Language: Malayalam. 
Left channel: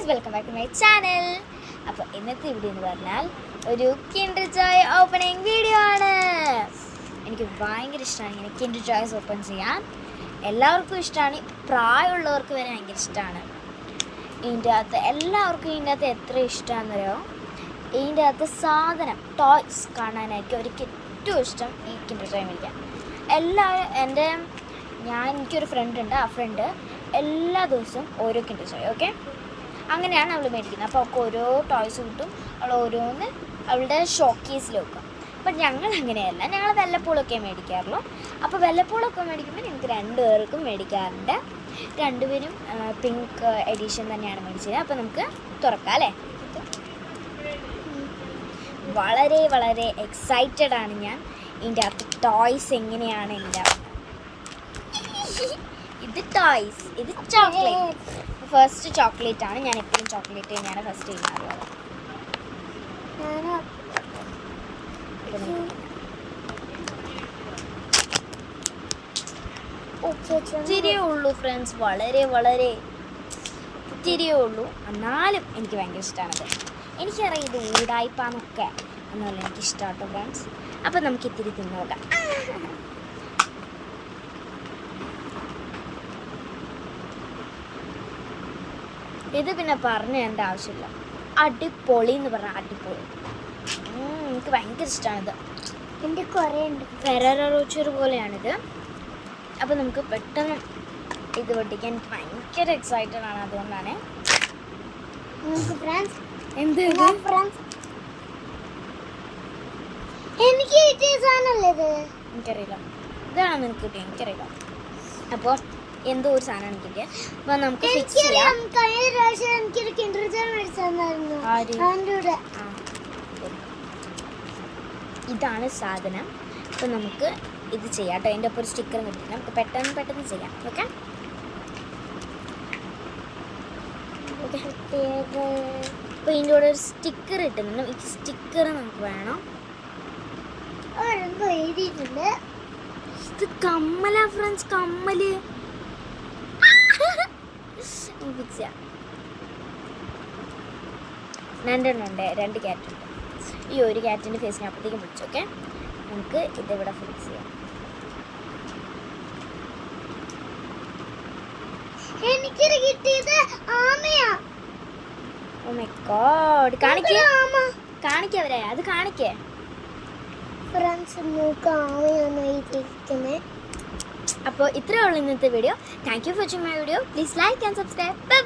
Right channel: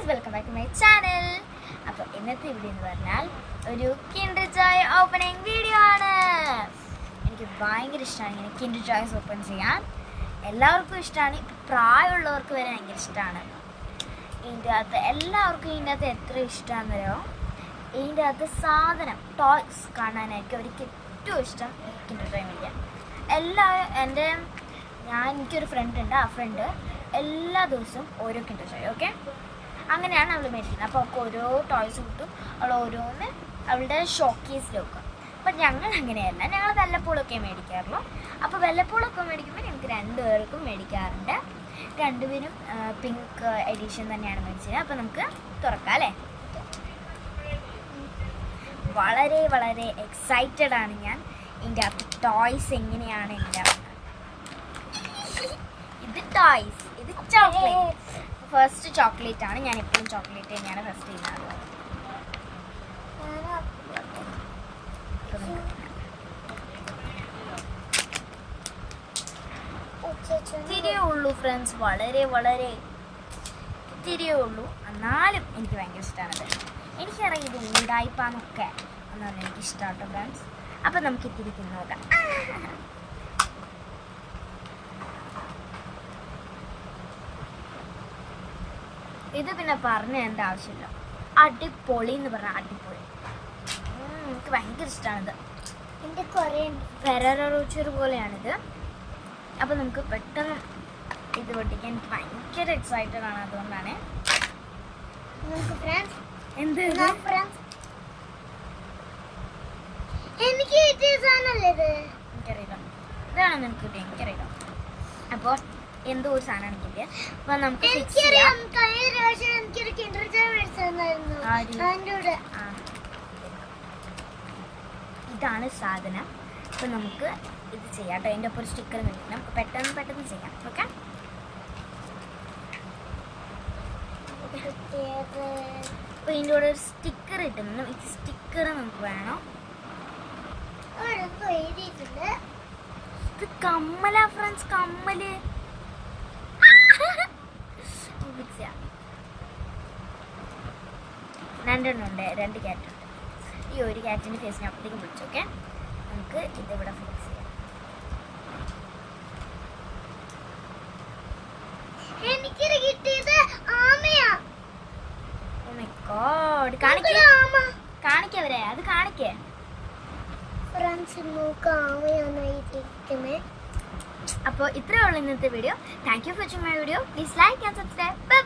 Guys, welcome back to my channel. അപ്പോൾ ഇന്നത്തെ വീഡിയോ എന്ന് പറഞ്ഞാൽ ഒരു കിൻഡർ ജോയ് ഓപ്പണിംഗ് വീഡിയോ ആണ്. എനിക്ക് ഭയങ്കര ഇഷ്ടമാണ് ഇങ്ങനെ കിൻഡർ ജോയ്സ് ഓപ്പൺ ചെയ്യാൻ. എല്ലാവർക്കും ഇഷ്ടമാണ്, പ്രായമുള്ളവർക്ക് വരെ ഭയങ്കര ഇഷ്ടമാണ്. ഇതിൻ്റെ അകത്ത് എല്ലാവർക്കും ഇതിൻ്റെ അകത്ത് എത്ര ഇഷ്ടമാണെന്നറിയോ? ഇതിൻ്റെ അകത്ത് സാധനം ടോയ്സ് കാണാനായിരിക്കും അവർക്ക് ഏറ്റവും ഇഷ്ടം. ഈ കിൻഡർ ജോയ് മേടിക്കാൻ എല്ലാവരും എനിക്കൊരു ഫ്രണ്ട് ഉണ്ട്. ആ ഫ്രണ്ട് എല്ലാ ദിവസവും ഓരോ കിൻഡർ ജോയ്, ഓക്കെ, അങ്ങനെയാണ് അവൾ മേടിക്കുന്നത്. അപ്പോൾ അവൾക്ക് ഓരോ ടോയ്സ് കിട്ടും, അവൾ ഓരോന്ന് അവളുടെ ഷോക്കേസിൽ വെക്കും. ബട്ട് ഞങ്ങൾ അങ്ങനെയല്ല, ഞങ്ങൾ വല്ലപ്പോഴൊക്കെ മേടിക്കാറുള്ളൂ. അപ്പോൾ വല്ലപ്പോഴൊക്കെ മേടിക്കുമ്പോൾ ഞങ്ങൾക്ക് രണ്ടുപേർക്കും മേടിക്കാറുണ്ട്. രണ്ടുപേരും പിങ്ക് എഡിഷൻ തന്നെയാണ് മേടിച്ചത്. അപ്പോൾ നമുക്ക് തുറക്കാം അല്ലേ? വളരെ വളരെ എക്സൈറ്റഡ് ആണ് ഞാൻ. ഇതിൻ്റെ അകത്ത് ടോയ്സ് എങ്ങനെയാണ് ഇതിൻ്റെ ഇത് ടോയ്സ്, ഇത് ചോക്ലേറ്റ്. ഫസ്റ്റ് ചോക്ലേറ്റ് ആണ്. ഞാൻ എപ്പോഴും ചോക്ലേറ്റ് തന്നെയാണ് ഫസ്റ്റ് ചെയ്യുന്നത്. ഇത്തിരിയേ ഉള്ളൂ ഫ്രണ്ട്സ്, വളരെ വളരെ ഇത്തിരിയേ ഉള്ളൂ. എന്നാലും എനിക്ക് ഭയങ്കര ഇഷ്ടമാണത്. എനിക്കറിയാം ഇത് ഊടായ്പാന്നൊക്കെ, എന്നാലും എനിക്കിഷ്ടമാട്ടോ ഫ്രണ്ട്സ്. അപ്പം നമുക്ക് ഇത്തിരി തിന്നു നോക്കാം. ഇത് പിന്നെ പറഞ്ഞ എന്താ ആവശ്യമില്ല, അടിപൊളി എന്ന് പറഞ്ഞാൽ അടിപൊളി. എനിക്ക് ഭയങ്കര ഇഷ്ടമാണിത്. എൻ്റെ കുറേ ഉണ്ട്. ഫെററോ റോച്ചർ പോലെയാണിത്. അപ്പോൾ നമുക്ക് പെട്ടെന്ന് ഇത് പൊട്ടിക്കാൻ എനിക്ക് ഭയങ്കര എക്സൈറ്റഡ് ആണ്. അതുകൊണ്ടാണ് നമുക്ക് ഫ്രണ്ട്സ് എനിക്ക് എനിക്കറിയില്ല, ഇതാണ് നിനക്ക് കിട്ടിയത്, എനിക്കറിയില്ല. അപ്പോൾ എന്തോ ഒരു സാധനം കിട്ടിയ. അപ്പൊ നമുക്ക് ഇതാണ് സാധനം. അപ്പൊ നമുക്ക് ഇത് ചെയ്യാം കേട്ടോ. അതിൻ്റെ ഒപ്പം ഒരു സ്റ്റിക്കറും കിട്ടി. നമുക്ക് പെട്ടെന്ന് ചെയ്യാം. ഓക്കെ, അപ്പൊ ഇതിൻ്റെ കൂടെ ഒരു സ്റ്റിക്കർ കിട്ടുന്നുണ്ട്. ഈ സ്റ്റിക്കർ നമുക്ക് വേണം. എഴുതിയിട്ടുണ്ട്. ഇത് കമ്മല ഫ്രണ്ട്സ്, കമ്മല്. രണ്ടെണ്ണം ഉണ്ട്, 2 ക്യാറ്റുണ്ട്. ഈ ഒരു ക്യാറ്റിൻ്റെ ഫേസിന് അപ്പത്തേക്കും വിളിച്ചു. ഓക്കെ, നമുക്ക് ഇതിവിടെ ഫിക്സ് ചെയ്യാം. എനിക്കിത് കിട്ടിയത് ആമയാ. ഓ മൈ ഗോഡ്, കാണിക്കവരെ, അത് കാണിക്കേ ഫ്രണ്ട്സ്. നോക്ക്, ആമയാണ് ഇരിക്കുന്നത്. അപ്പോൾ ഇത്രയേ ഉള്ളൂ ഇന്നത്തെ video. Thank you for watching my video. Please like and subscribe.